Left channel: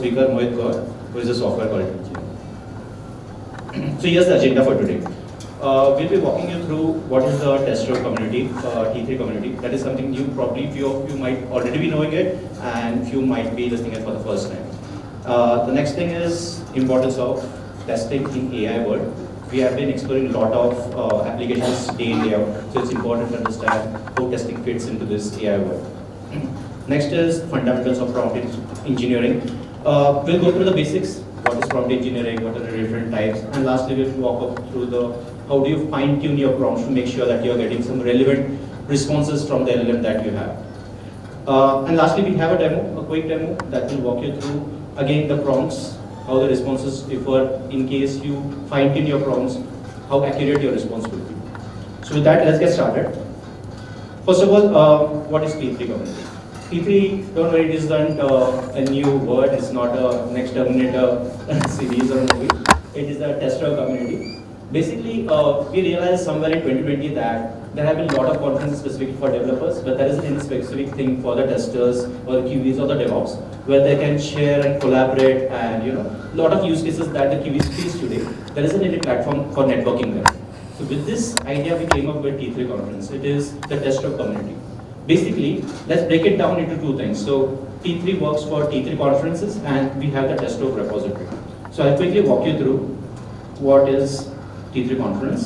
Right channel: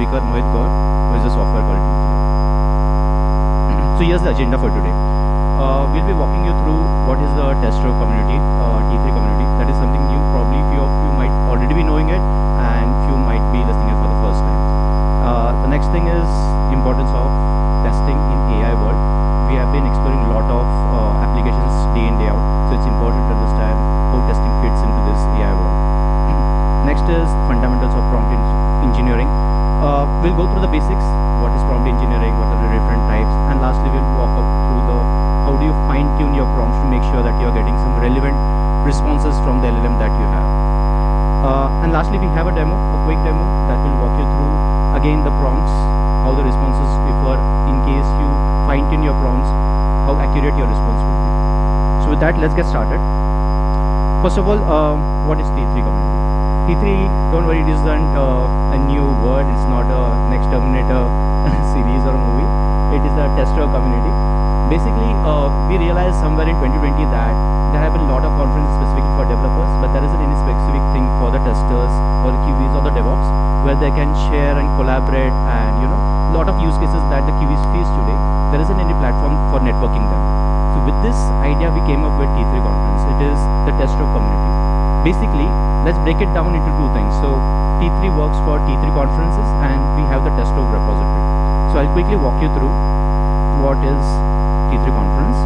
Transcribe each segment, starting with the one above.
speaker, Mohit, who is a software quality. So here's the agenda for today. We'll be walking you through what is the tester community, T3 community. That is something you probably, few of you might already be knowing it, and few might be listening for the first time. The next thing is importance of testing in AI world. We have been exploring a lot of applications day in, day out, so it's important to understand how testing fits into this AI world. Next is fundamentals of prompt engineering. We'll go through the basics, what is prompt engineering, what are the different types, and lastly we'll walk up through the how do you fine tune your prompts to make sure that you're getting some relevant responses from the LLM that you have. And lastly, we have a demo, a quick demo that will walk you through again the prompts, how the responses differ in case you fine tune your prompts, how accurate your response will be. So with that, let's get started. First of all, what is T3 community? T3, don't worry, it isn't a new word, it's not a next Terminator series or movie. It is a tester community. Basically, we realized somewhere in 2020 that there have been a lot of conferences specific for developers, but there is a specific thing for the testers, or the QBs, or the DevOps, where they can share and collaborate, and a lot of use cases that the QBs use today. There isn't any platform for networking there. So with this idea, we came up with T3 conference. It is the tester community. Basically, let's break it down into two things. So T3 works for T3 conferences, and we have the tester repository. So I'll quickly walk you through what is T3 conference.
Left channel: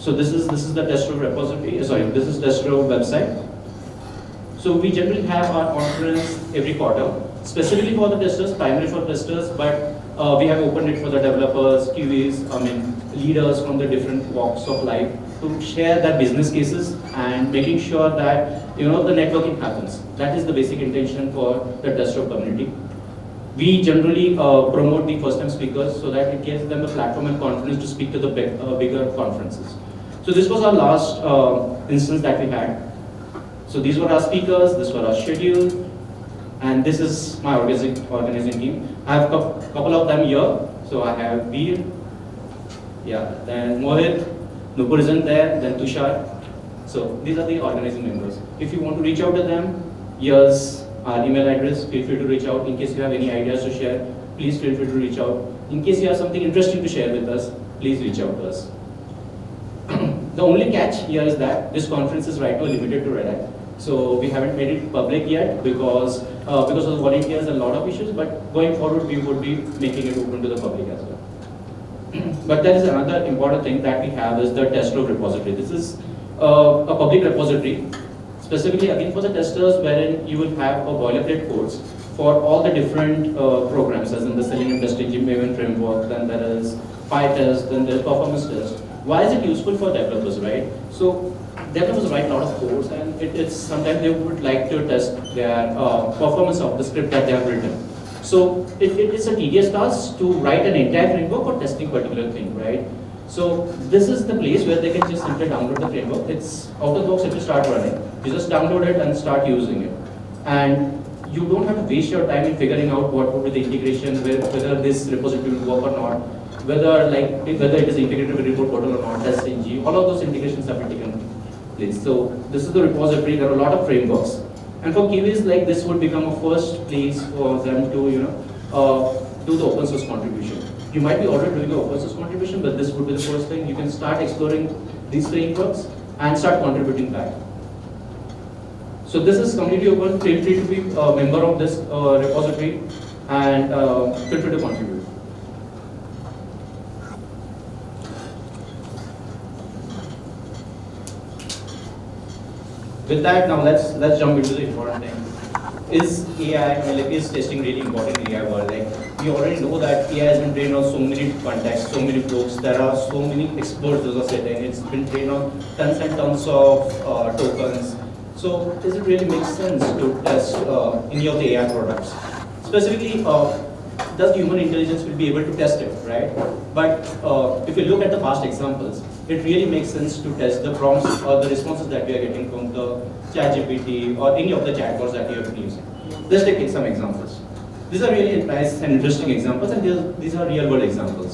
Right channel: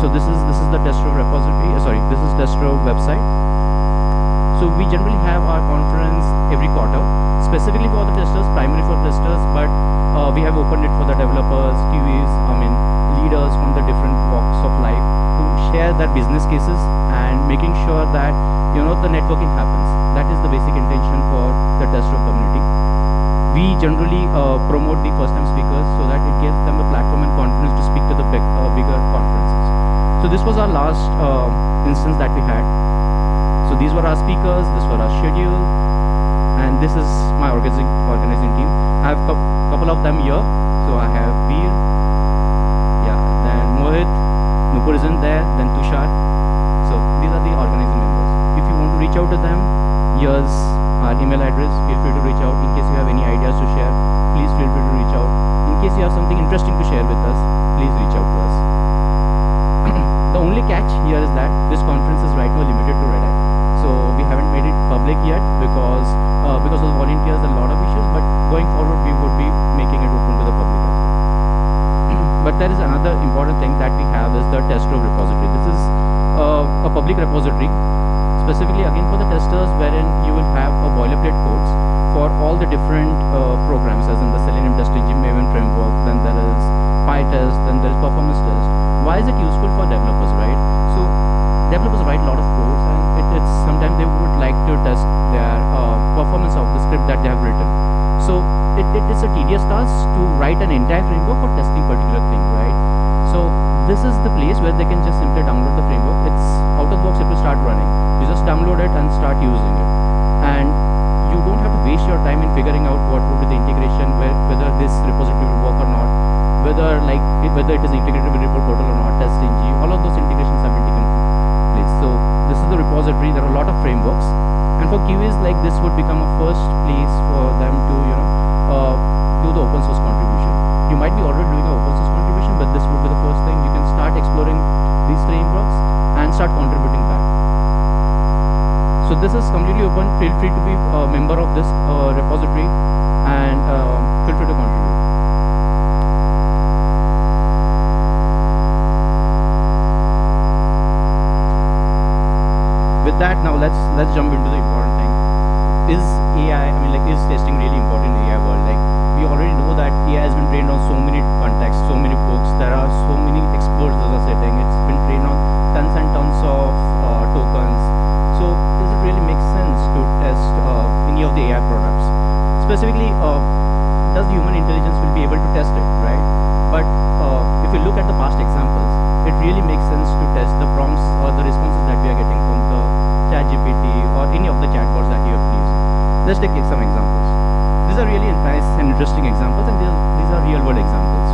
So this is the tester repository. Sorry, this is tester website. So we generally have our conference every quarter, specifically for the testers, primarily for testers, but we have opened it for the developers, QAs, leaders from the different walks of life to share their business cases and making sure that the networking happens. That is the basic intention for the tester community. We generally promote the first-time speakers so that it gives them a platform and confidence to speak to the bigger conferences. So this was our last instance that we had. So these were our speakers, this was our schedule, and this is my organizing team. I have a couple of them here. So I have Veer, then Mohit, Nupur isn't there, then Tushar. So these are the organizing members. If you want to reach out to them, here's our email address. Feel free to reach out in case you have any ideas to share. Please feel free to reach out. In case you have something interesting to share with us, please reach out to us. The only catch here is that this conference is right now limited to Red. So we haven't made it public yet because of the volunteers and a lot of issues. But going forward, we would be making it open to the public. But there is another important thing that we have is the tester repository. This is a public repository, specifically again for the testers, wherein you will have a boilerplate codes for all the different programs, as in the Selenium testing, GPU framework, then there is PyTest, then there is performance test. Why is it useful for developers, right? So developers write a lot of codes, and it is sometimes they would like to test their performance of the script that they have written. So it is a tedious task to write an entire framework for testing particular thing, right? So this is the place where they can just simply download the framework. It's out of the box, it will start running. You just download it and start using it. And you don't have to waste your time in figuring out what would be the integration, whether this repository will work or not, whether it is integrated with remote portal or not, test engine, all of those integrations have been taken place. So this is the repository. There are a lot of frameworks. And for QAs, like this would become a first place for them to do the open source contribution. You might be already doing the open source contribution, but this would be the first thing. You can start exploring these frameworks and start contributing back. So this is completely open. Feel free to be a member of this repository and feel free to contribute. With that, now let's jump into the important thing. Is AI, is testing really important in AI world? We already know that AI has been trained on so many contexts, so many folks. There are so many experts in the setting. It's been trained on tons and tons of tokens. So does it really make sense to test any of the AI products? Specifically, does human intelligence be able to test it, right? But if you look at the past examples, it really makes sense to test the prompts or the responses that we are getting from the ChatGPT or any of the chatbots that you have used. Let's take some examples. These are really nice and interesting examples, and these are real world examples.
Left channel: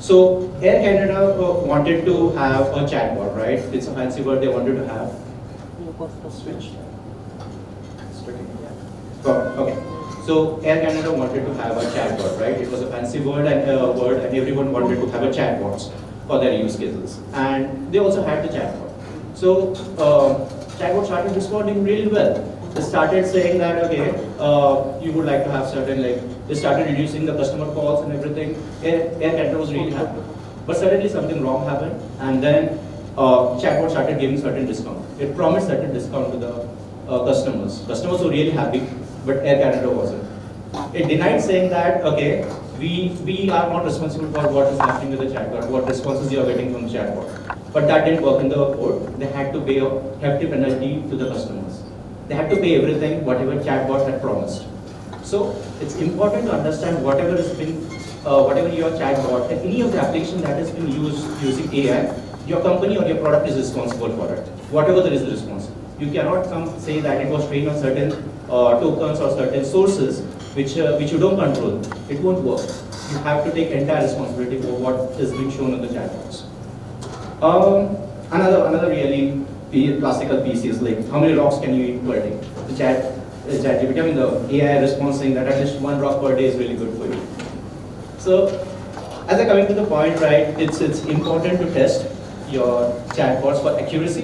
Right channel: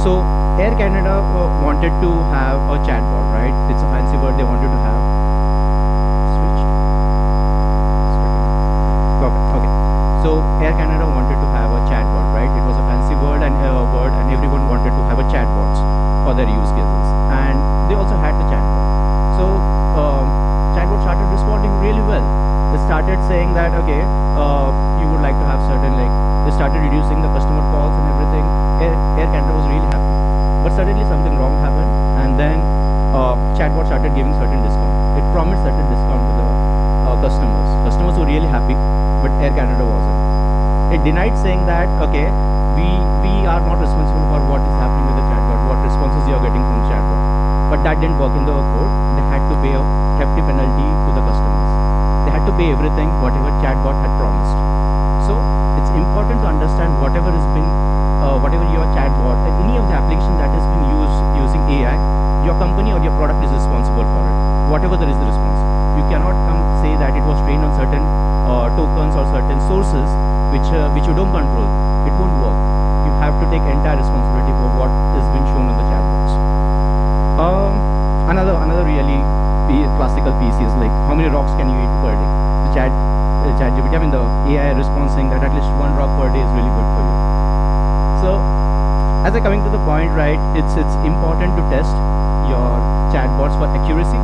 So Air Canada wanted to have a chatbot, right? It's a fancy word they wanted to have. So Air Canada wanted to have a chatbot, right? It was a fancy word, and everyone wanted to have a chatbot for their use cases, and they also had the chatbot. So chatbot started responding really well. They started saying that okay, you would like to have certain like. They started reducing the customer calls and everything. Air Canada was really happy, but suddenly something wrong happened, and then chatbot started giving certain discount. It promised certain discount to the customers. Customers were really happy, but Air Canada wasn't. It denied, saying that okay, we are not responsible for what is happening with the chatbot, what responses you are getting from the chatbot. But that didn't work in the code. They had to pay a hefty penalty to the customers. They had to pay everything whatever chatbot had promised. So it's important to understand whatever is being, whatever your chatbot, any of the application that is being used using AI, your company or your product is responsible for it. Whatever there is a response. You cannot come say that it was trained on certain tokens or certain sources which you don't control. It won't work. You have to take entire responsibility for what is being shown in the chatbots. Another really classical piece is like how many rocks can you eat per day? Is that you give the AI response saying that at least one rock per day is really good for you. So as I coming to the point, right, it's important to test your chatbots for accuracy,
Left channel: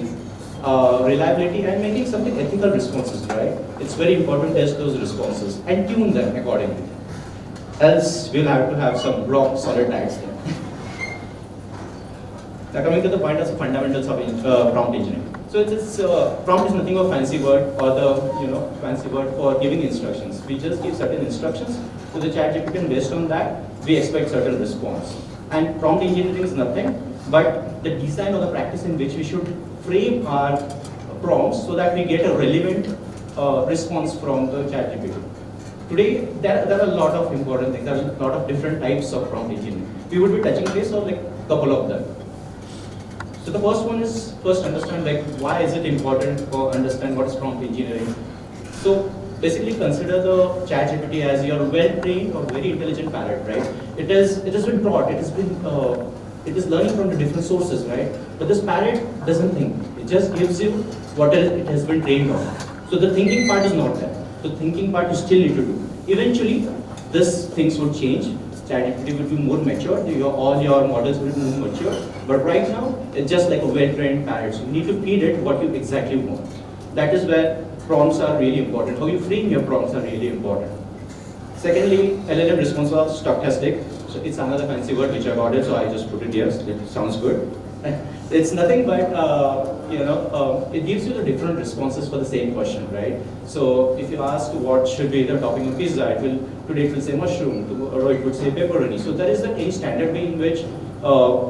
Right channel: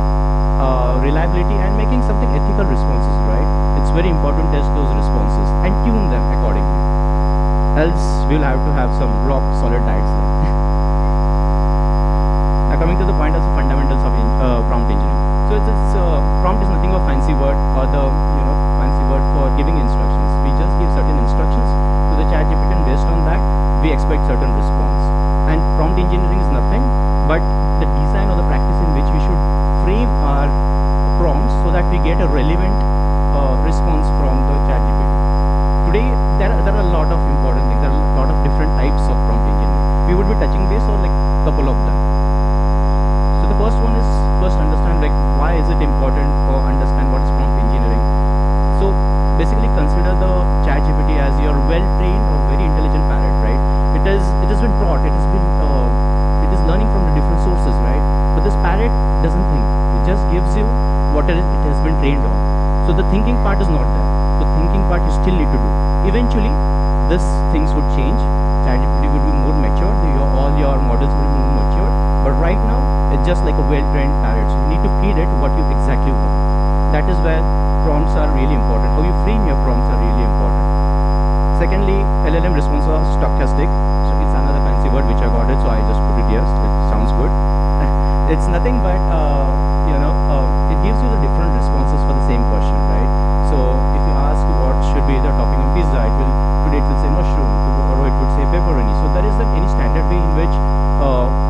reliability, and making something ethical responses, right? It's very important to test those responses and tune them accordingly. Else we'll have to have some rock solid tags. Now coming to the point of fundamentals of prompt engineering. So it's prompt is nothing but fancy word or the fancy word for giving instructions. We just give certain instructions to the ChatGPT, and based on that we expect certain response. And prompt engineering is nothing but the design or the practice in which we should frame our prompts so that we get a relevant response from the ChatGPT. Today there are a lot of important things. There are a lot of different types of prompt engineering. We will be touching base on like a couple of them. So the first one is understand like why is it important to understand what is prompt engineering. So basically consider the ChatGPT as your well-trained or very intelligent parrot, right? It is been brought, it is learning from different sources, right? But this parrot doesn't think. It just gives you what it has been trained on. So the thinking part is not there. The thinking part you still need to do. Eventually, these things will change. ChatGPT will be more mature. All your models will be more mature. But right now, it's just like a well-trained parrot. You need to feed it what you exactly want. That is where prompts are really important. So you frame your prompts are really important. Secondly, LLM response of stochastic. So it's another fancy word which I wanted, so I just put it here. So it sounds good. It's nothing but it gives you the different responses for the same question, right? So if you ask what should be the topping of pizza, today it will say mushroom, or it will say pepperoni. So there is any standard way in which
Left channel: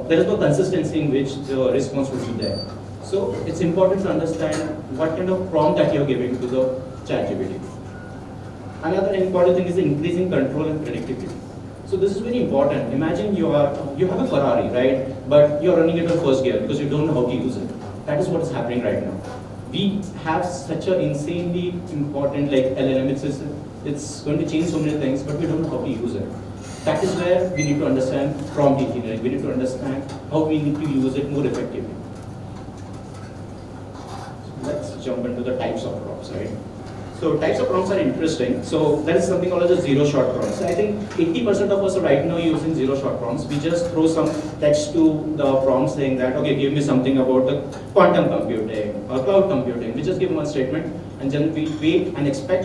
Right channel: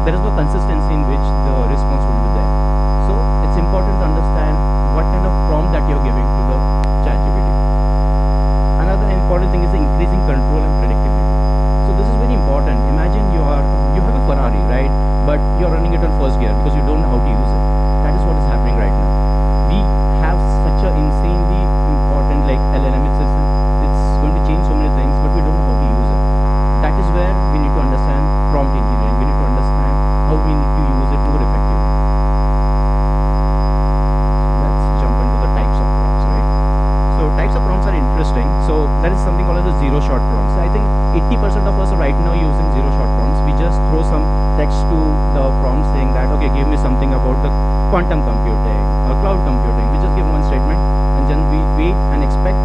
there is no consistency in which the response will be there. So it's important to understand what kind of prompt that you're giving to the ChatGPT. Another important thing is the increasing control and predictability. So this is very important. Imagine you have a Ferrari, right? But you're running it in first gear because you don't know how to use it. That is what is happening right now. We have such an insanely important like LLM. It's going to change so many things, but we don't know how to use it. That is where we need to understand prompt engineering. We need to understand how we need to use it more effectively. Let's jump into the types of prompts, right? So types of prompts are interesting. So there is something called as a zero-shot prompts. I think 80% of us right now are using zero-shot prompts. We just throw some text to the prompt saying that okay, give me something about the quantum computing or cloud computing. We just give one statement and then we wait and expect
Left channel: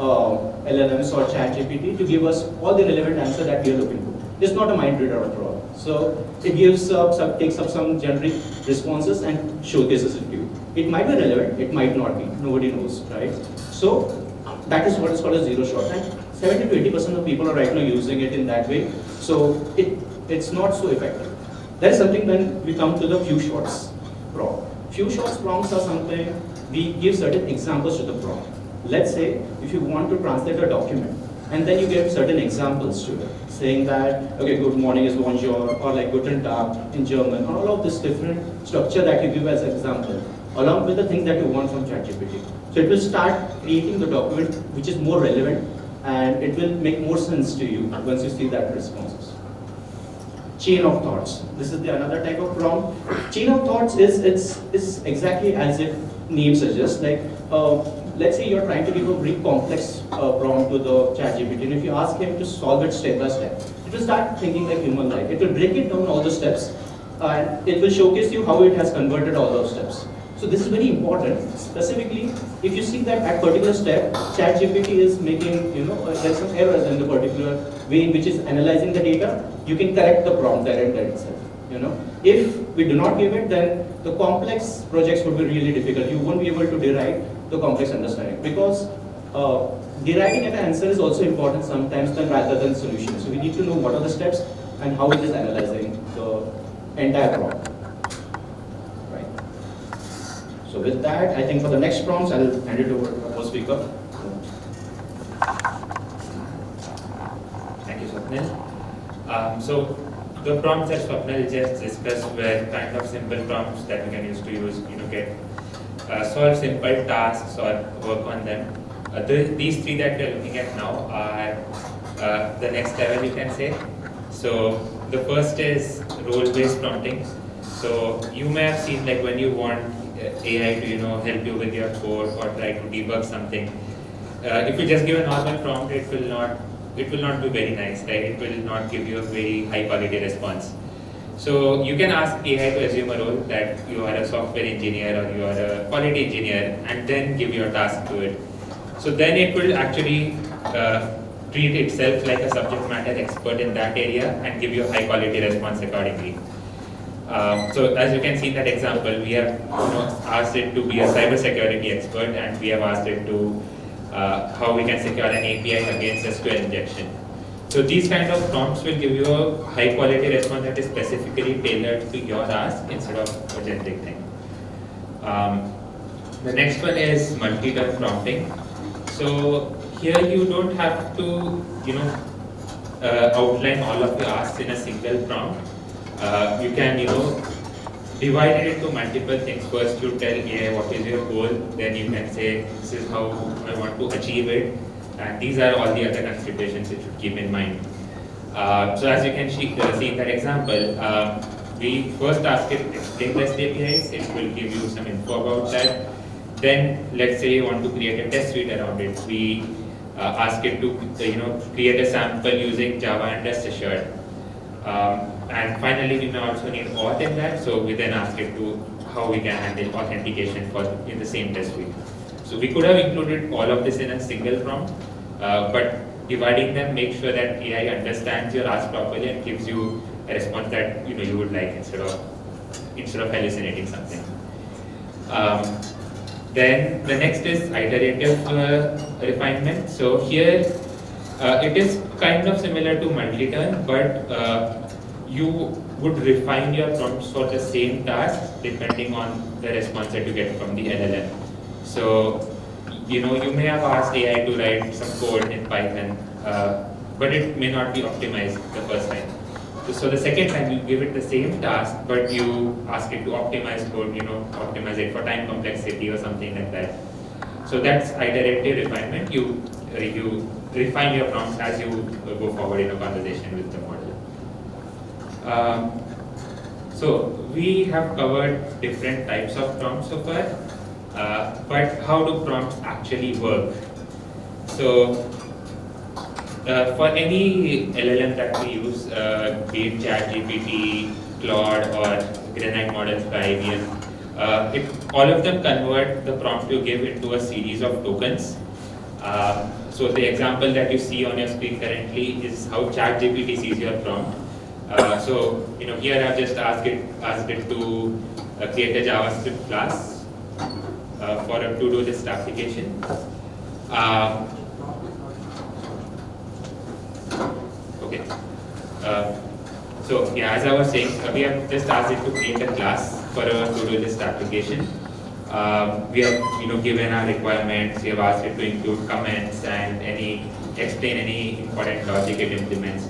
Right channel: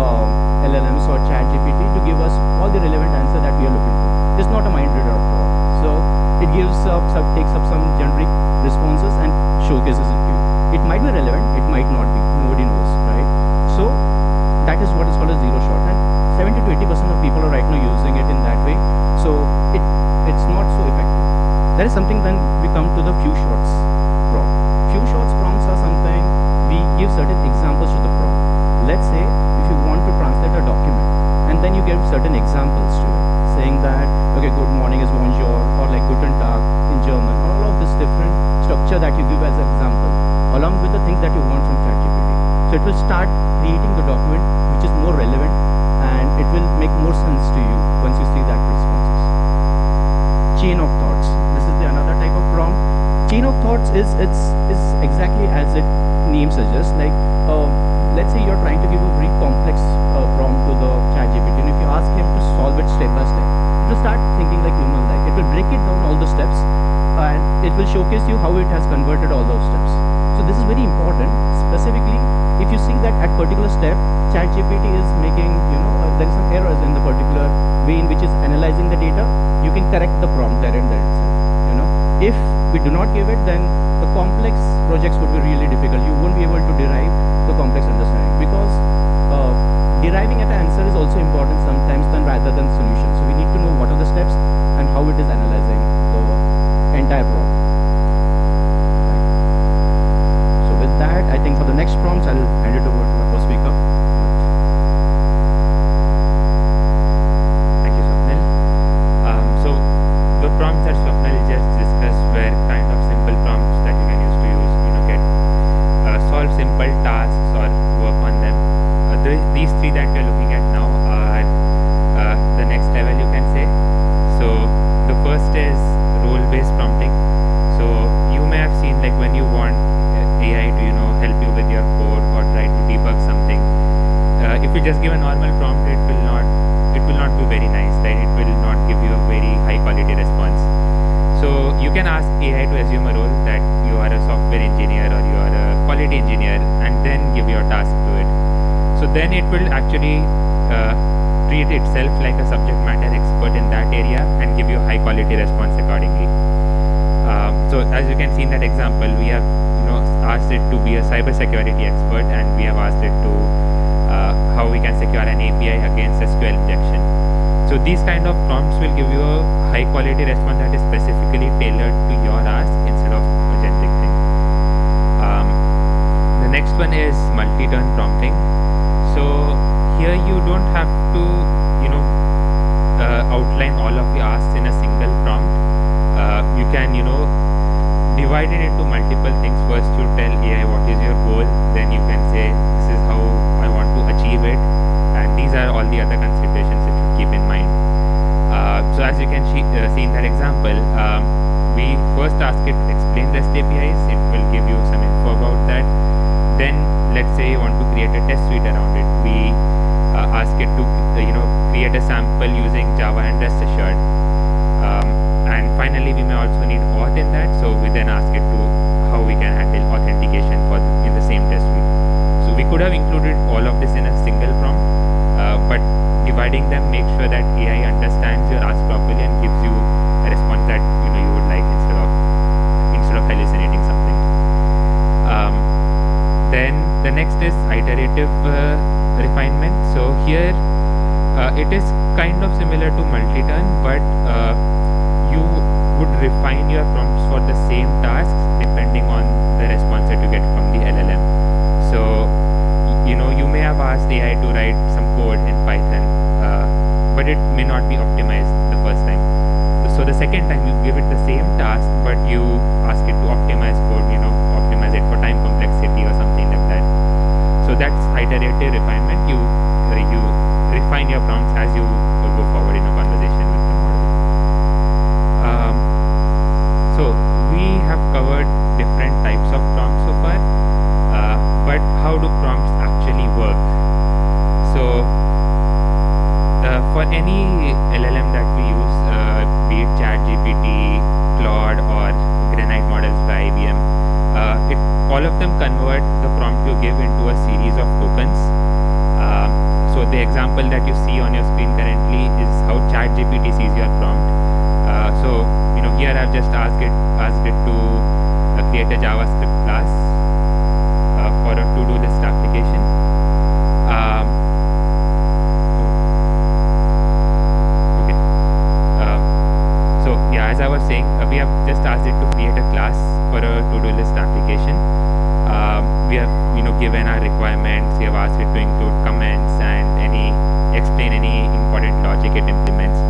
LLMs or ChatGPT to give us all the relevant answer that we are looking for. It's not a mind reader at all. So it gives takes up some generic responses and showcases it to you. It might be relevant, it might not be. Nobody knows, right? So that is what is called a zero shot. And 70 to 80% of people are right now using it in that way. So it's not so effective. There is something when we come to the few shots prompt. Few shots prompts are something we give certain examples to the prompt. Let's say if you want to translate a document and then you get certain examples to it, saying that okay, good morning is bonjour, or like guten tag in German, or all of this different structure that you give as an example, along with the things that you want from ChatGPT. So it will start creating a document which is more relevant and it will make more sense to you once you see that responses. Chain of thoughts. This is another type of prompt. Chain of thoughts is exactly as it name suggests. Like let's say you're trying to give a very complex prompt to the ChatGPT. we do not give it, then the complex projects would be really difficult. You won't be able to derive the complex understanding, because deriving an answer is also important sometimes rather than solutions. We need to know what are the steps and how it is analyzing the entire problem. So with that, I think for the next prompts, I will hand it over to the speaker. Thank you, Swapnil. So the prompts that Swapnil just discussed were kind of simple prompts that you can use to get solve simple tasks or work on them. These three that we're looking at now are at the next level, you can say. So the first is role-based prompting. So you may have seen, like, when you want AI to help you with your code or try to debug something. If you just give a normal prompt, it will not be very nice, right? It will not give you a very high quality response. So you can ask AI to assume a role that you are a software engineer or you are a quality engineer, and then give your task to it. So then it will actually treat itself like a subject matter expert in that area and give you a high quality response accordingly. So as you can see in that example, we have asked it to be a cybersecurity expert, and we have asked it to how we can secure an API against SQL injection. So these kind of prompts will give you a high quality response that is specifically tailored to your ask instead of everything. The next one is multi-turn prompting. So here you don't have to outline all of your asks in a single prompt. You can divide it into multiple things. First, to tell AI what is your goal, then you can say this is how I want to achieve it, and these are all the other considerations that you keep in mind. So as you can see in that example, we first ask it to explain the APIs. It will give you some info about that. Then let's say you want to create a test suite around it. We ask it to create a sample using Java and Rest Assured. And finally, we may also need auth in that. So we then ask it to how we can handle authentication in the same test suite. So we could have included all of this in a single prompt, but dividing them makes sure that AI understands your ask properly and gives you a response that you would like instead of hallucinating something. Then the next is iterative refinement. So here it is kind of similar to multi-turn, but you would refine your prompts for the same task depending on the response that you get from the LLM. So you may have asked AI to write some code in Python, but it may not be optimized the first time. So the second time you give it the same task, but you ask it to optimize code, optimize it for time complexity or something like that. So that's iterative refinement. You refine your prompts as you go forward in a conversation with the model. So we have covered different types of prompts so far, but how do prompts actually work? So for any LLM that we use, be it ChatGPT, Claude, or Granite models by IBM, all of them convert the prompt you give into a series of tokens. So the example that you see on your screen currently is how ChatGPT sees your prompt. So here I've just asked it to create a JavaScript class for a to-do list application. So yeah, as I was saying, we have just asked it to create a class for a to-do list application. We have given our requirements. We have asked it to include comments and explain any important logic it implements.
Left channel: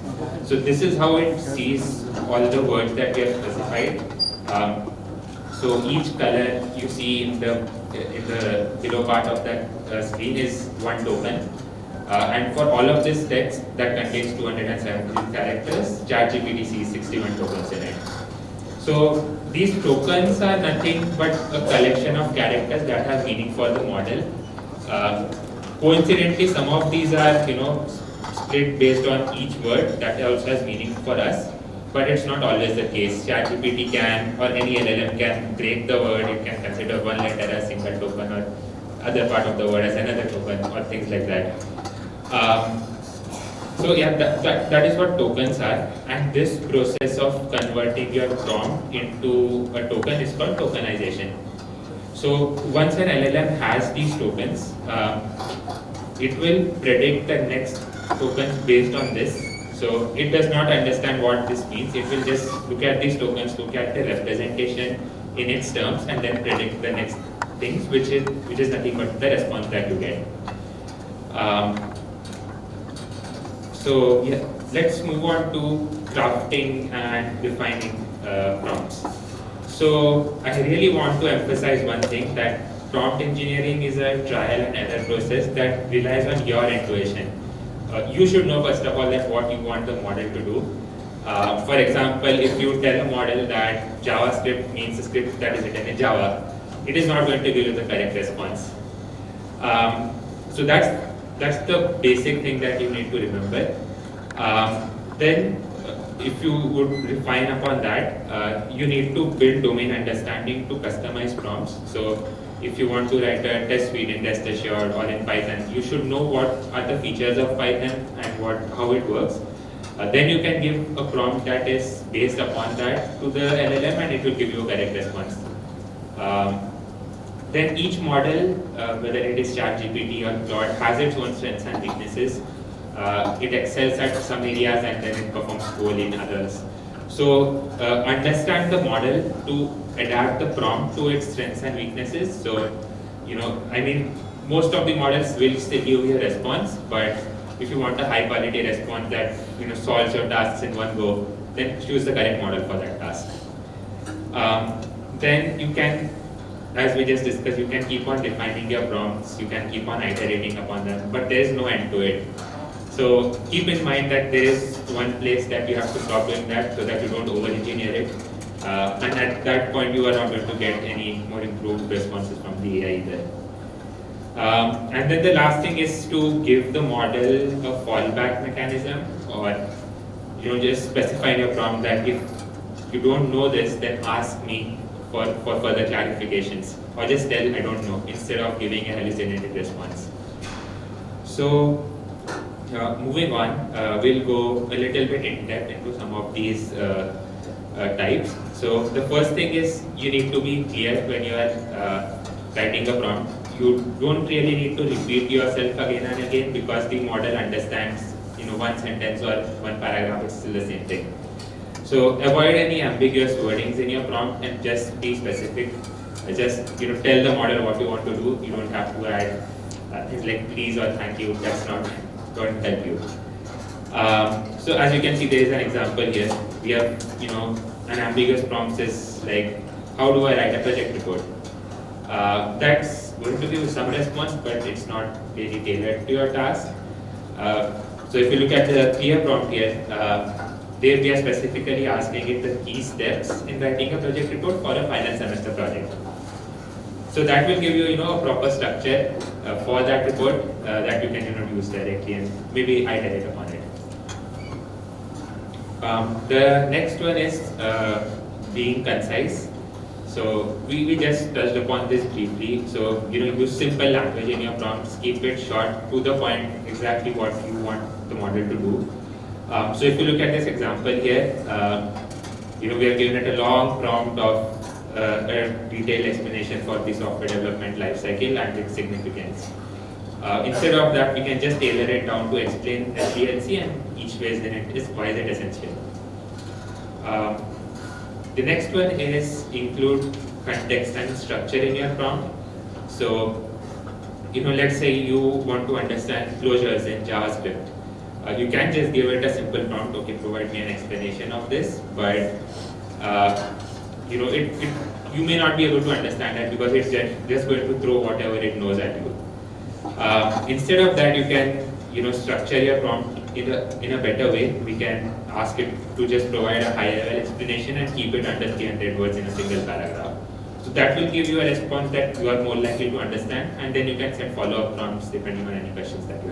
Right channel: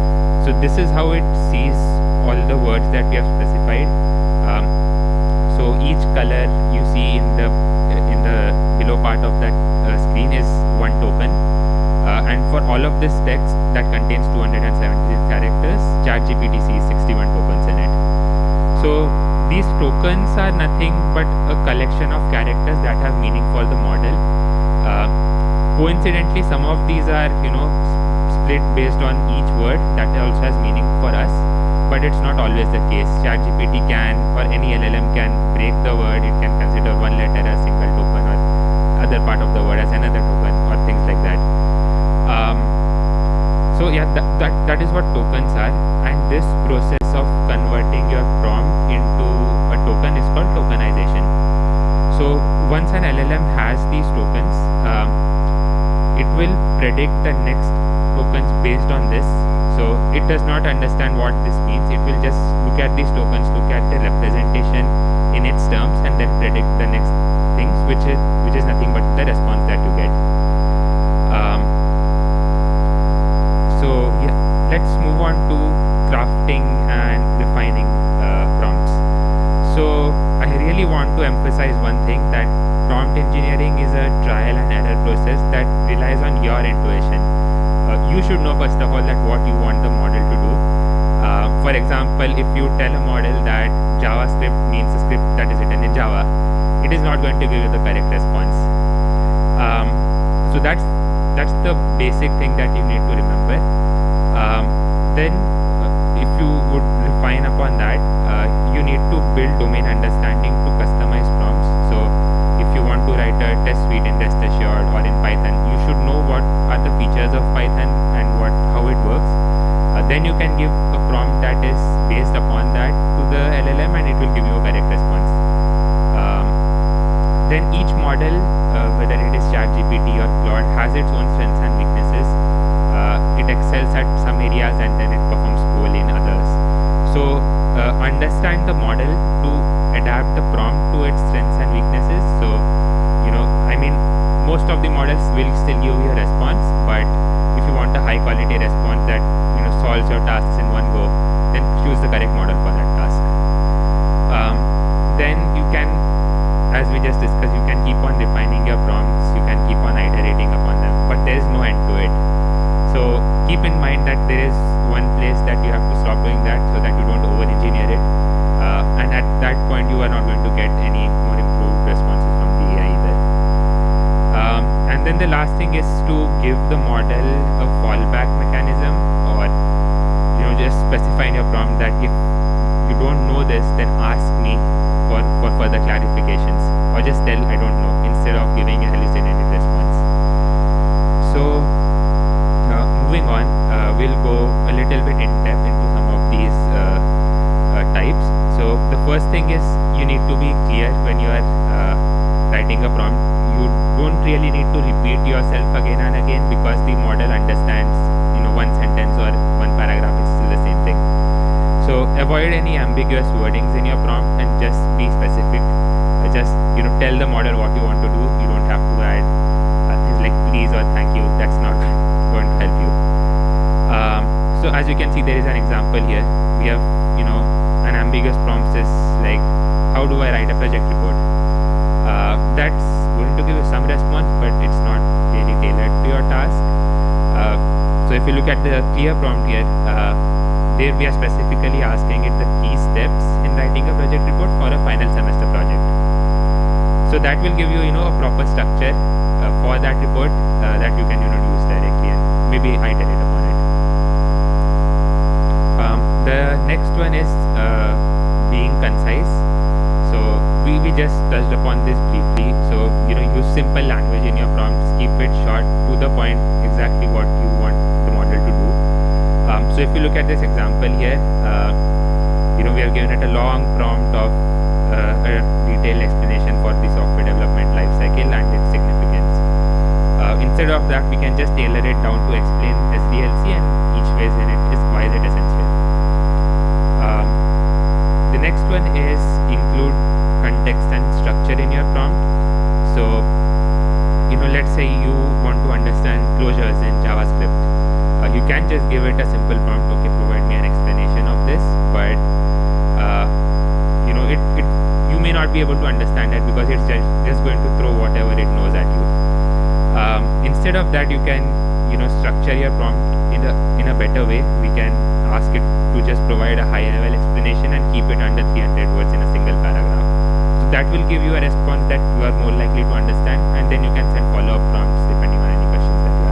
So this is how it sees all the words that we have specified. So each color you see in the below part of the screen is one token, and for all of this text that contains 270 characters, ChatGPT sees 61 tokens in it. So these tokens are nothing but a collection of characters that have meaning for the model. Coincidentally, some of these are split based on each word that also has meaning for us, but it's not always the case. ChatGPT can, or any LLM can break the word. It can consider one letter as a single token or other part of the word as another token or things like that. So yeah, that is what tokens are, and this process of converting your prompt into a token is called tokenization. So once an LLM has these tokens, it will predict the next tokens based on this. So it does not understand what this means. It will just look at these tokens, look at the representation in its terms, and then predict the next things, which is nothing but the response that you get. So yeah, let's move on to crafting and refining prompts. So I really want to emphasize one thing, that prompt engineering is a trial and error process that relies on your intuition. You should know first of all that what you want the model to do. For example, if you tell a model that JavaScript means a script that is written in Java, it is not going to give you the correct response. So that's the basic thing that you need to remember. Then, if you would refine upon that, you need to build domain understanding to customize prompts. So, if you want to write a test suite in Test Assured or in Python, you should know what are the features of Python and how it works. Then you can give a prompt that is based upon that to the LLM, and it will give you a correct response. Then each model, whether it is ChatGPT or Claude, has its own strengths and weaknesses. It excels at some areas and then it performs poorly in others. So understand the model to adapt the prompt to its strengths and weaknesses. So most of the models will still give you a response, but if you want a high quality response that solves your tasks in one go, then choose the correct model for that task. Then you can, as we just discussed, you can keep on refining your prompts, you can keep on iterating upon them, but there is no end to it. So keep in mind that there is one place that you have to stop doing that so that you don't over-engineer it. And at that point, you are not going to get any more improved responses from the AI there. And then the last thing is to give the model a fallback mechanism, or just specify in a prompt that if you don't know this, then ask me for further clarifications, or just tell I don't know instead of giving a hallucinated response. So moving on, we'll go a little bit in depth into some of these types. So the first thing is you need to be clear when you are writing a prompt. You don't really need to repeat yourself again and again, because the model understands one sentence or one paragraph is still the same thing. So avoid any ambiguous wordings in your prompt and just be specific. Just tell the model what you want to do. You don't have to add like please or thank you. That's not going to help you. So as you can see, there is an example here. We have an ambiguous prompt is like, how do I write a project report? That's going to give you some response, but it's not really tailored to your task. So if you look at the clear prompt here, we are specifically asking if the key steps in writing a project report for a final semester project. So that will give you a proper structure for that report that you can use directly and maybe iterate on it. The next one is being concise. So we just touched upon this briefly. So use simple language in your prompts, keep it short, to the point, exactly what you want the model to do. So if you look at this example here, we have given it a long prompt of a detailed explanation for the software development lifecycle and its significance. Instead of that, we can just tailor it down to explain SDLC and each phase in it is why is it essential. The next one is include context and structure in your prompt. So, let's say you want to understand closures in JavaScript. You can just give it a simple prompt, okay, provide me an explanation of this, but you may not be able to understand it because it's just going to throw whatever it knows at you. Instead of that, you can structure your prompt in a better way. We can ask it to just provide a high level explanation and keep it under 300 words in a single paragraph. So that will give you a response that you are more likely to understand, and then you can send follow-up prompts depending on any questions that you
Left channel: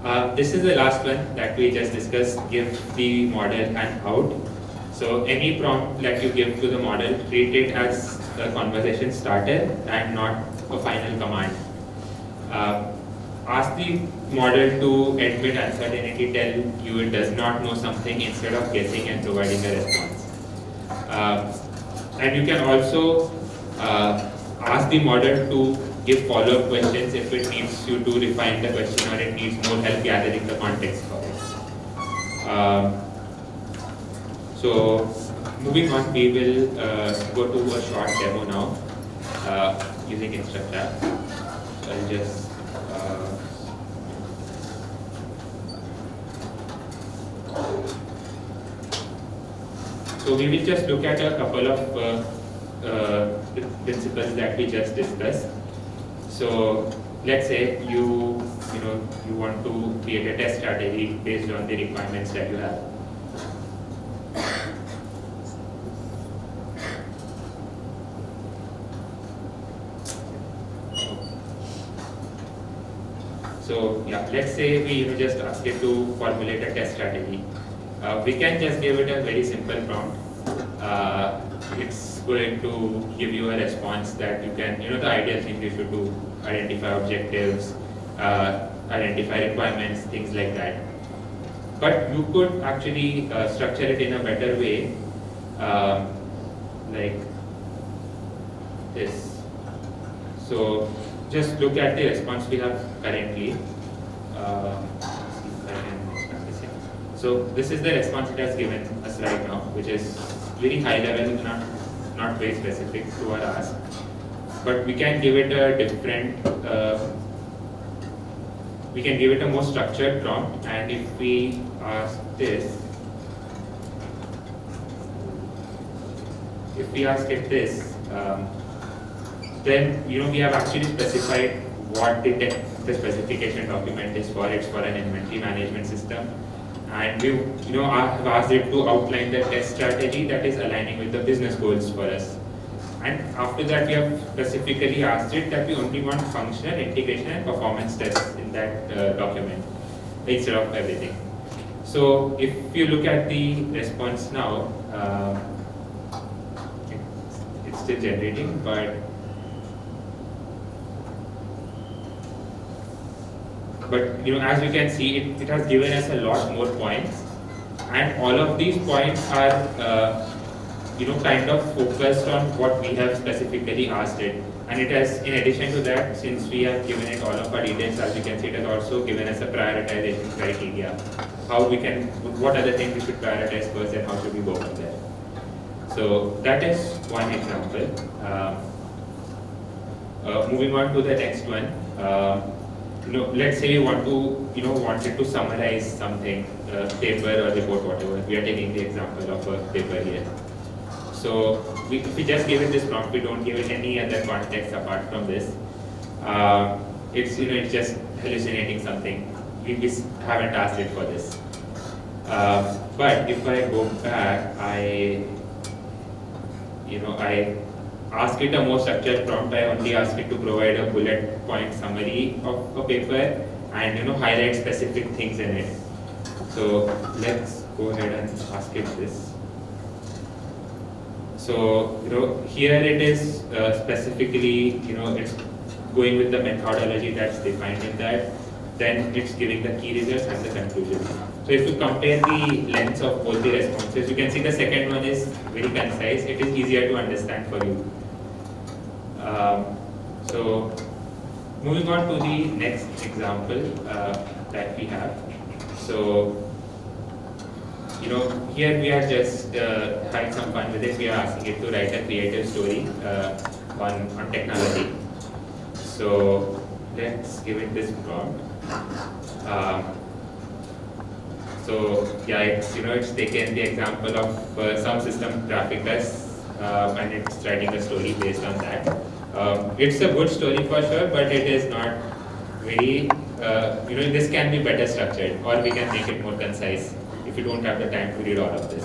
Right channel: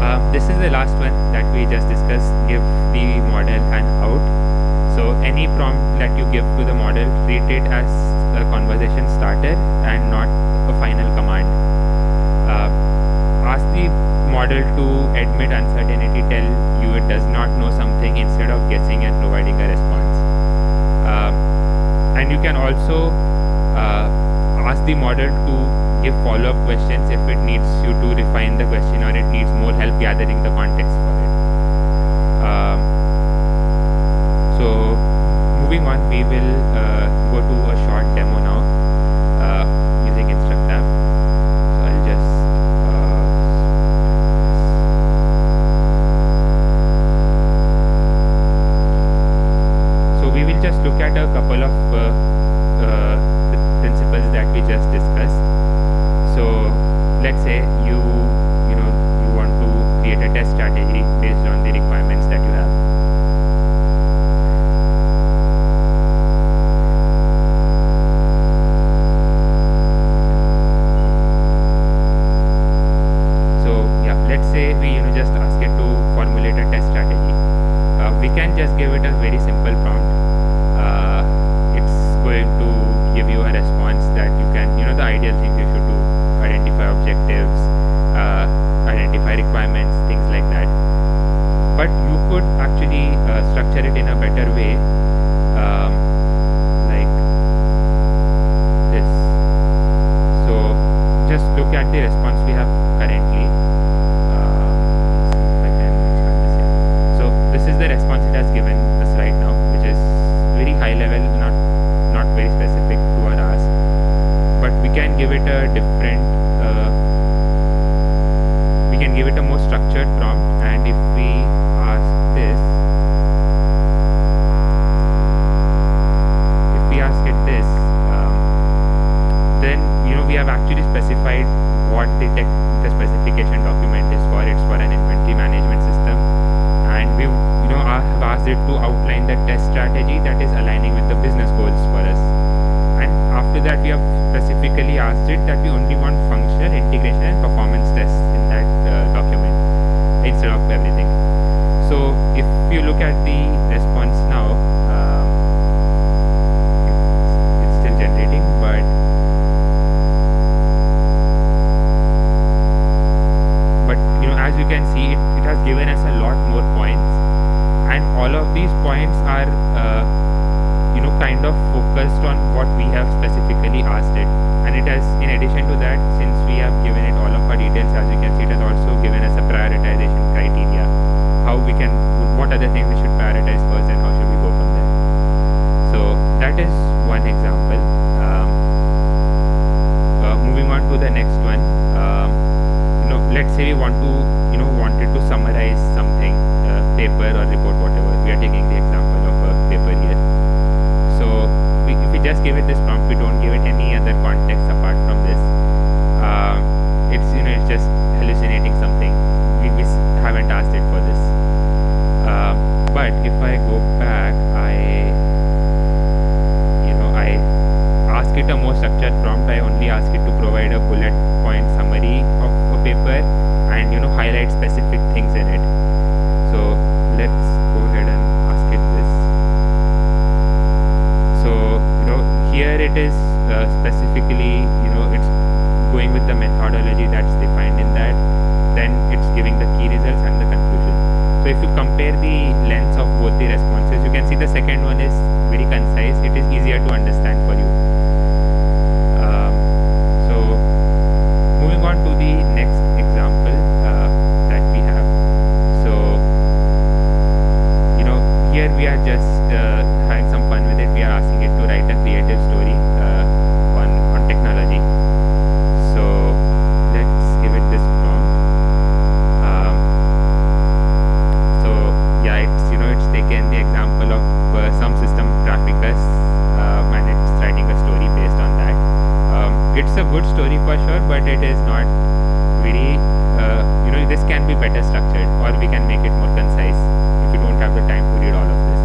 have. This is the last one that we just discussed, give the model an out. So any prompt that you give to the model, treat it as a conversation starter and not a final command. Ask the model to admit uncertainty, tell you it does not know something instead of guessing and providing a response. And you can also ask the model to give follow-up questions if it needs you to refine the question or it needs more help gathering the context for it. So moving on, we will go to a short demo now using Instructor. I'll just so we will just look at a couple of principles that we just discussed. So let's say you want to create a test strategy based on the requirements that you have. So yeah, let's say we just ask it to formulate a test strategy. We can just give it a very simple prompt. It's going to give you a response that you can, the ideal thing you should do: identify objectives, identify requirements, things like that. But you could actually structure it in a better way, like this. So just look at the response we have currently. So this is the response that's given us right now, which is very high level, not very specific to our ask. But we can give it a different, we can give it a more structured prompt, and if we ask this, then we have actually specified what the specification document is for. It's for an inventory management system, and we've asked it to outline the test strategy that is aligning with the business goals for us. And after that, we have specifically asked it that we only want function, integration, and performance tests in that document instead of everything. So if you look at the response now, it's still generating, but as you can see, it has given us a lot more points, and all of these points are kind of focused on what we have specifically asked it. And it has, in addition to that, since we have given it all of our details, as you can see, it has also given us a prioritization criteria, what other things we should prioritize first and how should we go from there. So that is one example. Moving on to the next one. Let's say you wanted to summarize something, paper or report, whatever. We are taking the example of a paper here. So if we just give it this prompt, we don't give it any other context apart from this. It's just hallucinating something. We haven't asked it for this. But if I go back, I ask it a more structured prompt. I only ask it to provide a bullet point summary of a paper and highlight specific things in it. So let's go ahead and ask it this. So here it is specifically it's going with the methodology that's defined in that. Then it's giving the key results and the conclusions. So if you compare the length of both the responses, you can see the second one is very concise. It is easier to understand for you. So moving on to the next example that we have. So here we are just having some fun with it. We are asking it to write a creative story on technology. So let's give it this prompt. So yeah, it's taken the example of some system traffic tests and it's writing a story based on that. It's a good story for sure, but it is not very, this can be better structured, or we can make it more concise if we don't have the time to read all of this.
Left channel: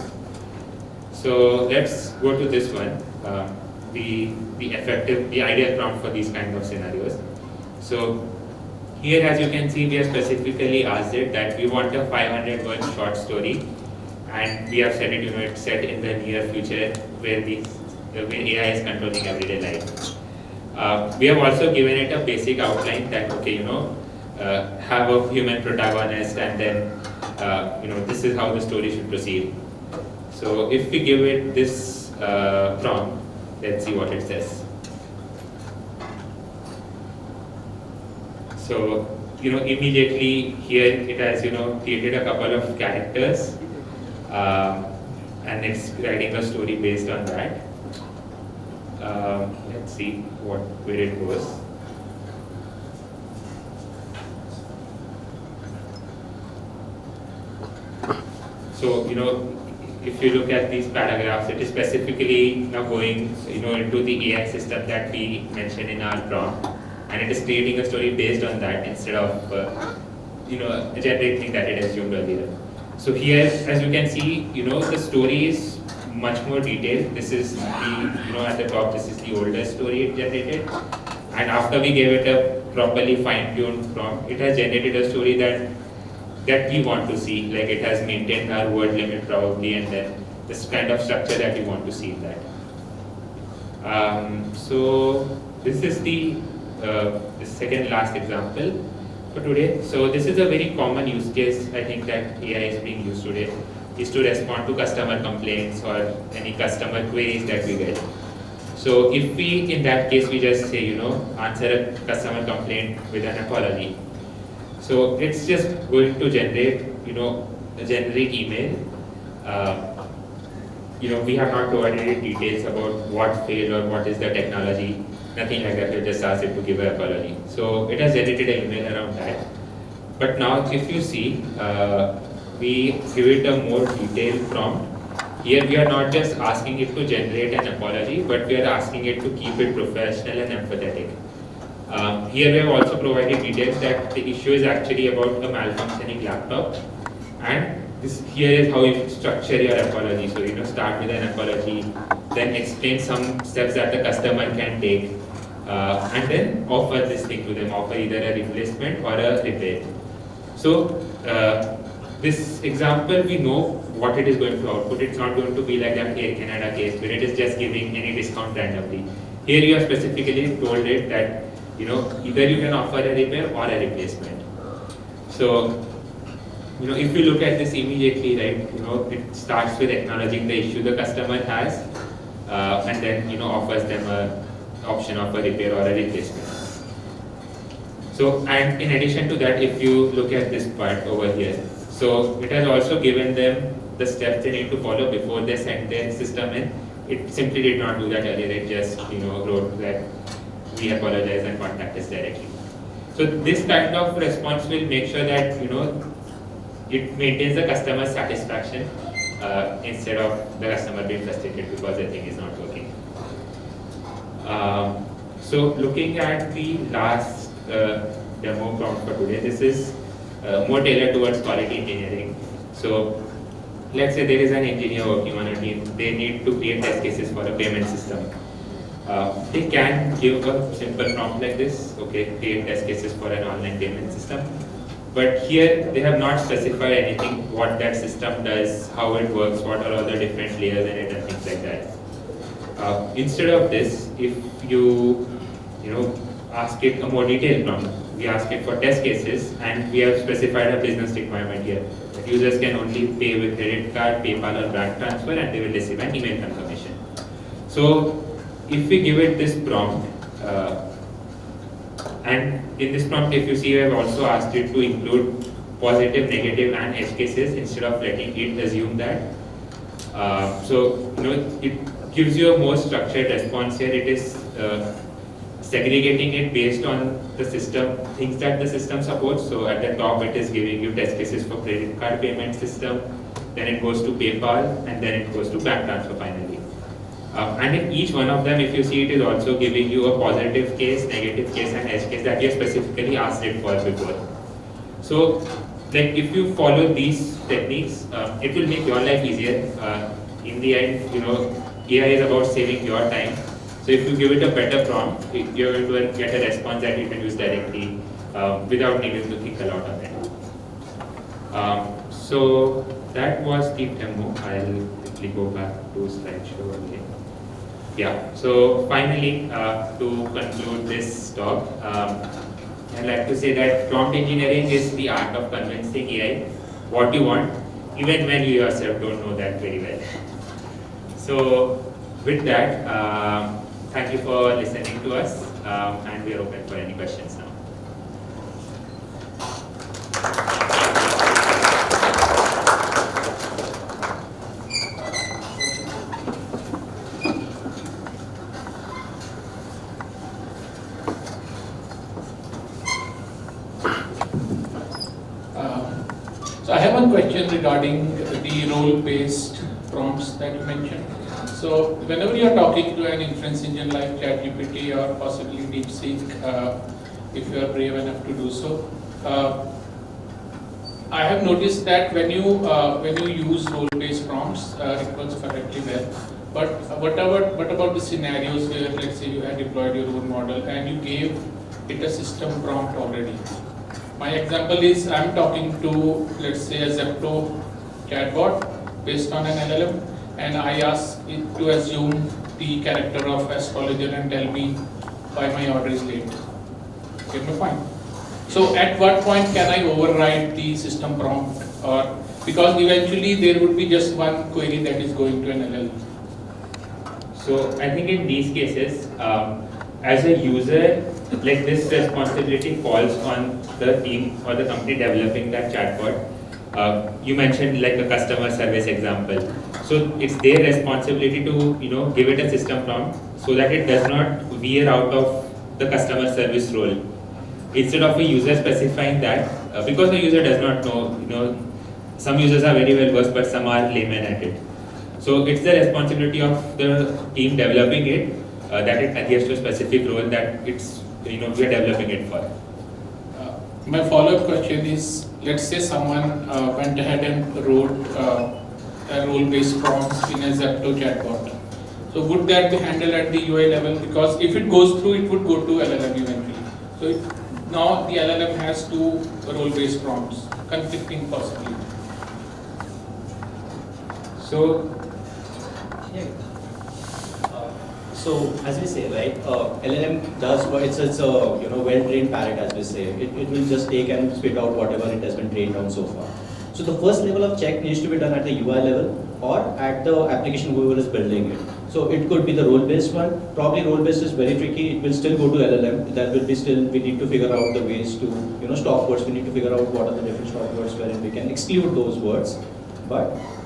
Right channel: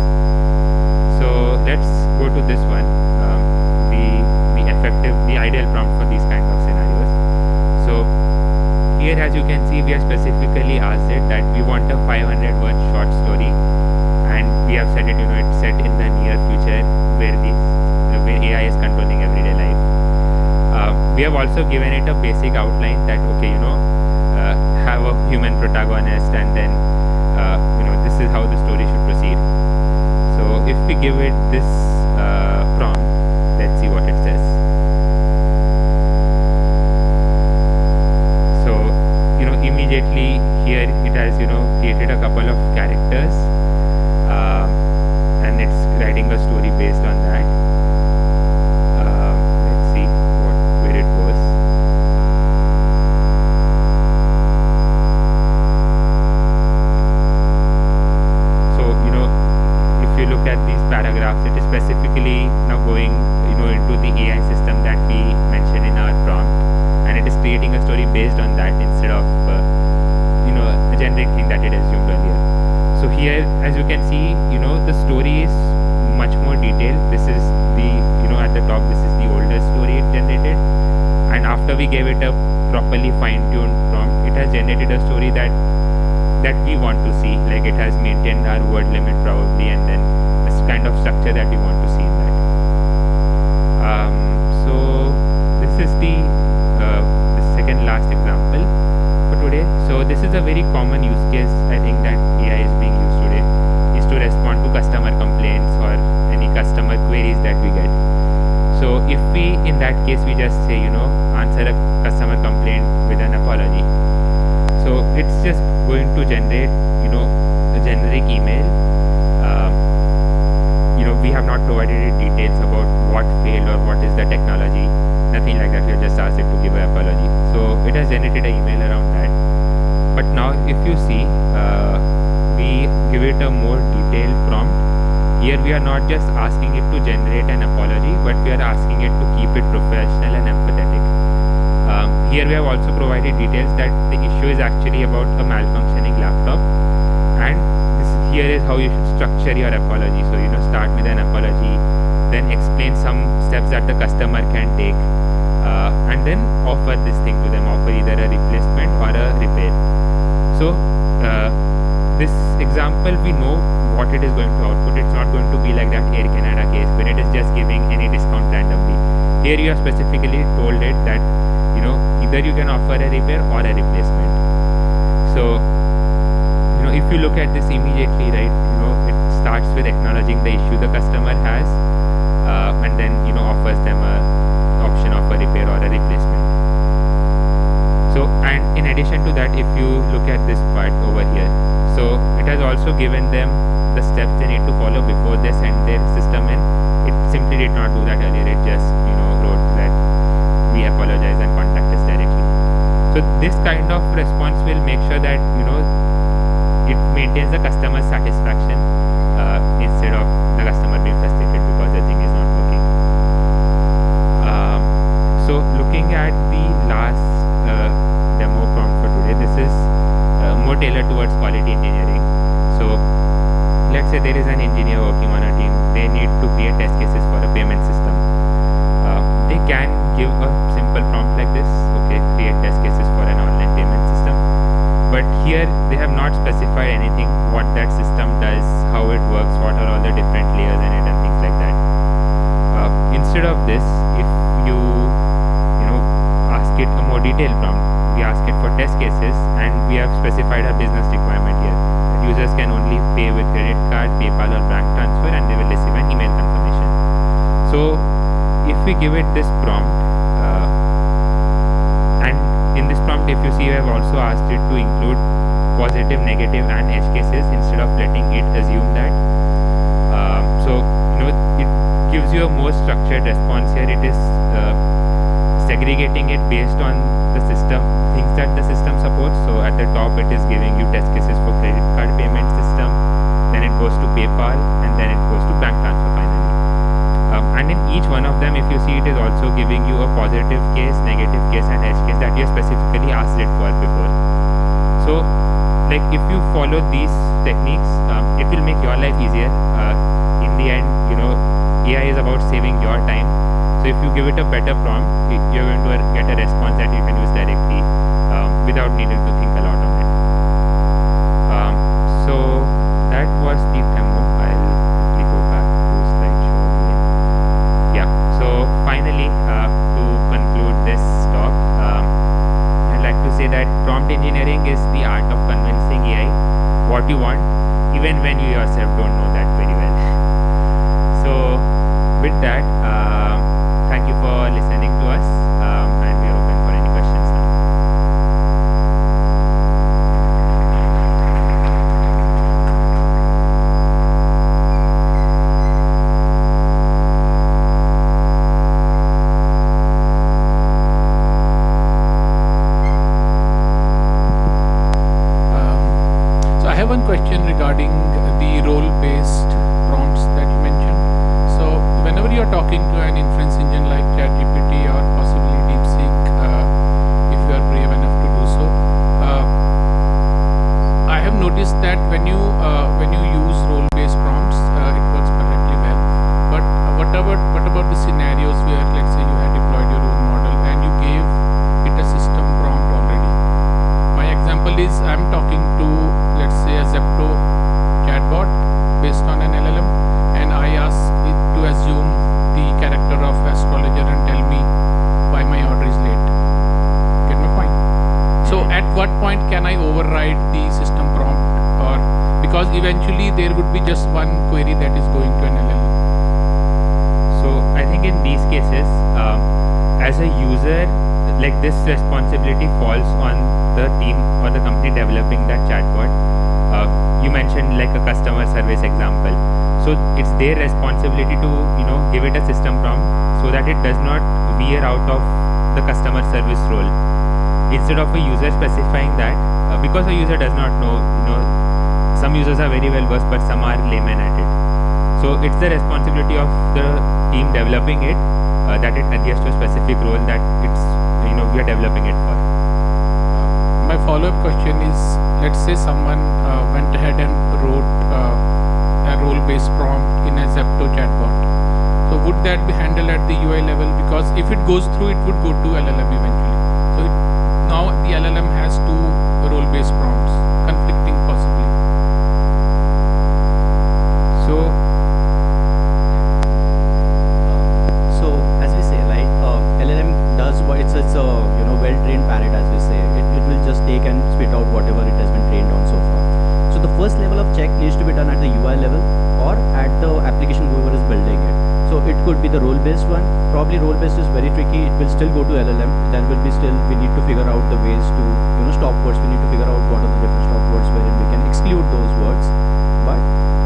So let's go to this one, the ideal prompt for these kinds of scenarios. So here, as you can see, we have specifically asked it that we want a 500-word short story, and we have said it set in the near future where AI is controlling everyday life. We have also given it a basic outline that have a human protagonist, and then is how the story should proceed. So if we give it this prompt, let's see what it says. So immediately here it has created a couple of characters, and it's writing a story based on that. Let's see where it goes. So if you look at these paragraphs, it is specifically now going into the AI system that we mentioned in our prompt, and it is creating a story based on that instead of generating that it assumed earlier. So here, as you can see, the story is much more detailed. This is the at the top, this is the oldest story it generated, and after we gave it a properly fine-tuned prompt, it has generated a story that we want to see. Like, it has maintained our word limit probably, and then this kind of structure that we want to see there. So this is the second last example for today. So this is a very common use case, I think, that AI is being used today, is to respond to customer complaints or any customer queries that we get. So if we, in that case, we just say, answer a customer complaint with an apology. So it's just going to generate, a generic email. We have not provided any details about what failed or what is the technology, nothing like that. We just asked it to give an apology. So it has generated an email around that. But now, if you see, we give it a more detailed prompt. Here we are not just asking it to generate an apology, but we are asking it to keep it professional and empathetic. Here we have also provided details that the issue is actually about a malfunctioning laptop, and here is how you structure your apology. So start with an apology, then explain some steps that the customer can take, and then offer this thing to them, offer either a replacement or a repair. So this example, we know what it is going to output. It's not going to be like a Canada case where it is just giving any discount randomly. Here you have specifically told it that either you can offer a repair or a replacement. So if you look at this immediately, right, it starts with acknowledging the issue the customer has, and then offers them an option of a repair or a replacement. So, and in addition to that, if you look at this part over here, so it has also given them the steps they need to follow before they send their system in. It simply did not do that earlier. It just wrote that we apologize and contact us directly. So this kind of response will make sure that it maintains the customer satisfaction instead of the customer being frustrated because the thing is not working. So looking at the last demo prompt for today, this is more tailored towards quality engineering. So let's say there is an engineer working on a team. They need to create test cases for a payment system. They can give a simple prompt like this, okay, create test cases for an online payment system. But here they have not specified anything, what that system does, how it works, what are all the different layers in it and things like that. Instead of this, if you ask it a more detailed prompt, we ask it for test cases, and we have specified a business requirement here. Users can only pay with credit card, PayPal or bank transfer, and they will receive an email confirmation. So if we give it this prompt, and in this prompt, if you see, I have also asked it to include positive, negative, and edge cases instead of letting it assume that. So it gives you a more structured response here. It is segregating it based on the system, things that the system supports. So at the top, it is giving you test cases for credit card payment system, then it goes to PayPal, and then it goes to bank transfer finally. And in each one of them, if you see, it is also giving you a positive case, negative case, and edge case that you specifically asked it for before. So, like, if you follow these techniques, it will make your life easier. In the end, AI is about saving your time. So if you give it a better prompt, you're going to get a response that you can use directly without needing to think a lot on it. So that was the demo. I'll go back to slideshow again. Yeah. So finally, to conclude this talk, I'd like to say that prompt engineering is the art of convincing AI what you want even when you yourself don't know that very well. So with that, thank you for listening to us, and we are open for any questions now. So I have one question regarding the role-based prompts that you mentioned. So whenever you are talking to an inference engine like ChatGPT or possibly DeepSeek, if you are brave enough to do so, I have noticed that when you use role-based prompts, it works perfectly well. But what about the scenarios where, let's say, you have deployed your own model and you gave it a system prompt already? My example is I'm talking to, let's say, a Zepto chatbot based on an LLM, and I ask it to assume the character of astrologer and tell me why my order is late. Okay, no fine. So at what point can I override the system prompt? Or because eventually there would be just one query that is going to an LLM. So I think in these cases, as a user, like this responsibility falls on the team or the company developing that chatbot. You mentioned like a customer service example. So it's their responsibility to give it a system prompt so that it does not veer out of the customer service role. Instead of a user specifying that, because the user does not know, some users are very well versed, but some are layman at it. So it's the responsibility of the team developing it that it adheres to a specific role that it's we're developing it for. My follow-up question is, let's say someone went ahead and wrote a role-based prompt in a Zepto chatbot. So would that be handled at the UI level? Because if it goes through, it would go to LLM eventually. So now the LLM has two role-based prompts, conflicting possibly. So as we say, right, LLM does what it's a well-trained parrot, as we say. It will just take and spit out whatever it has been trained on so far. So the first level of check needs to be done at the UI level or at the application whoever is building it. So it could be the role-based one. Probably role-based is very tricky. It will still go to LLM. That will be still, we need to figure out the ways to stop words. We need to figure out what are the different stop words wherein we can exclude those words. But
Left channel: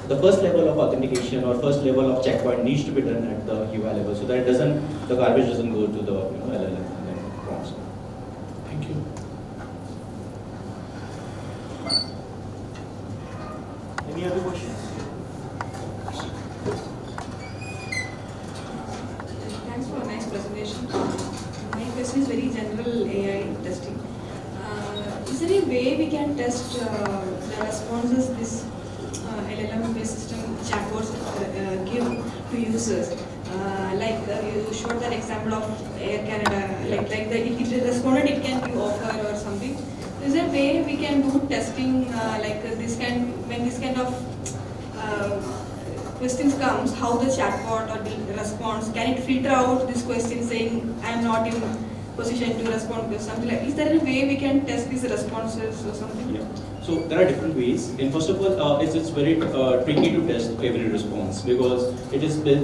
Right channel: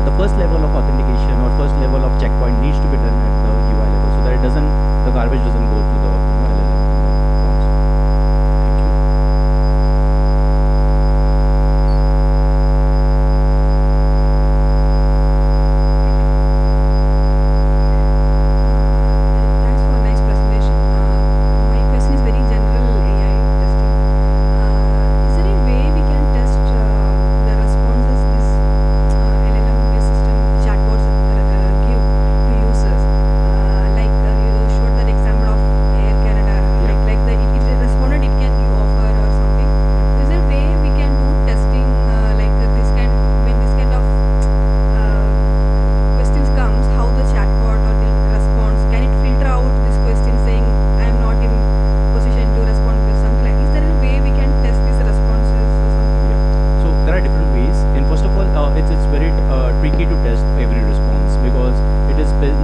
the first level of authentication or first level of checkpoint needs to be done at the UI level, so that the garbage doesn't go to the prompts. Thank you. Any other questions? Thanks for nice presentation. My question is very general AI testing. Is there any way we can test the responses this LLM-based chatbots give to users? Like you showed the example of like the individual responded, it can be offered or something. Is there a way we can do testing like this kind when this kind of questions comes, how the chatbot will respond? Can it filter out this question saying I am not in position to respond to something? Like, is there a way we can test these responses or something? So there are different ways. And first of all, it's very tricky to test every response because it has been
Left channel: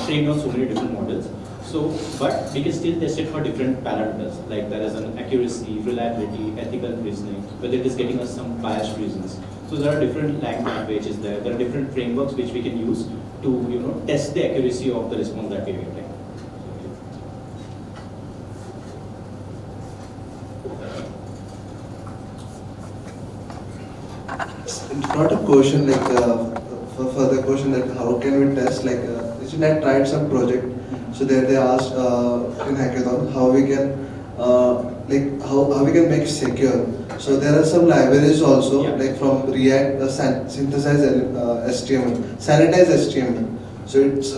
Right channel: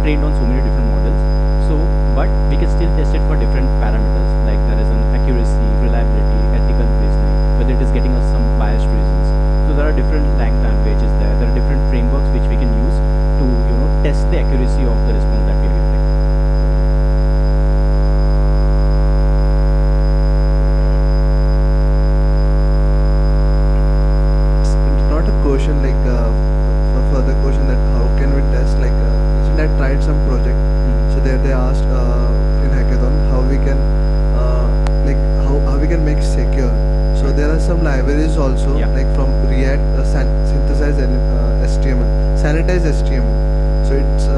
trained on so many different models. So, but we can still test it for different parameters, like there is an accuracy, reliability, ethical reasoning, whether it is getting us some biased reasons. So there are different languages there. There are different frameworks which we can use to test the accuracy of the response that we are getting. It's not a question like for further question that how can we test like Isnet tried some project, so they asked in hackathon how we can like how we can make secure. So there are some libraries also like from React synthesize HTML, sanitize HTML. So it's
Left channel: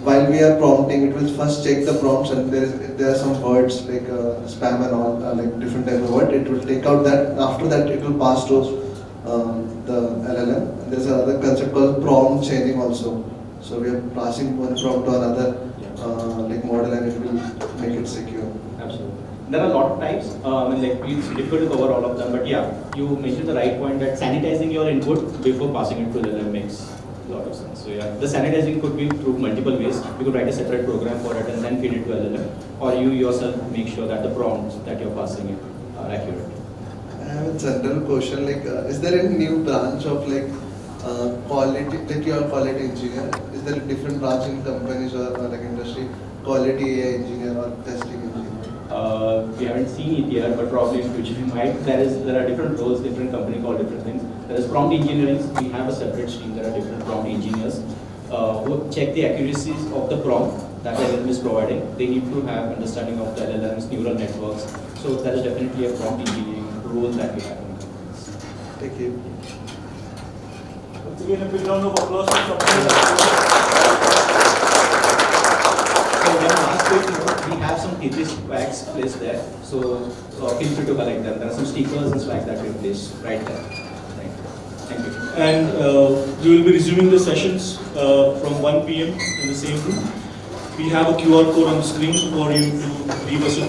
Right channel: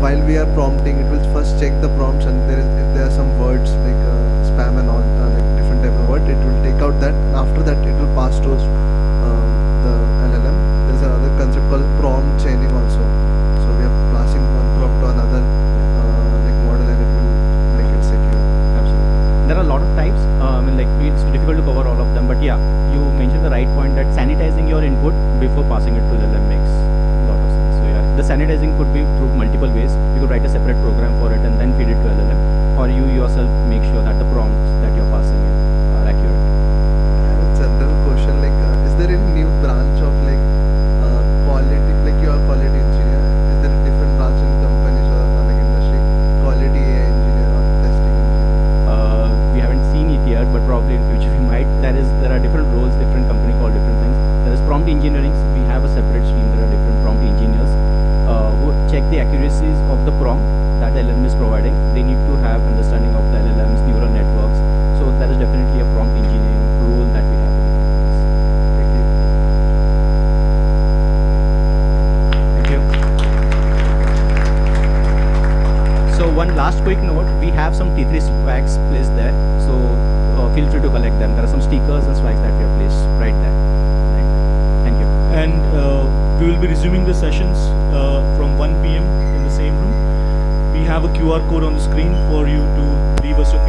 while we are prompting, it will first take the prompts and there are some words like spam and all, like different type of word. It will take out that. After that, it will pass to the LLM. There's another concept called prompt chaining also. So we are passing one prompt to another like model and it will make it secure. Absolutely. There are a lot of types, like it's difficult to cover all of them, but yeah, you mentioned the right point that sanitizing your input we will be resuming the sessions from 1 p.m. in the same room. We have a QR code on screen for you to leave us a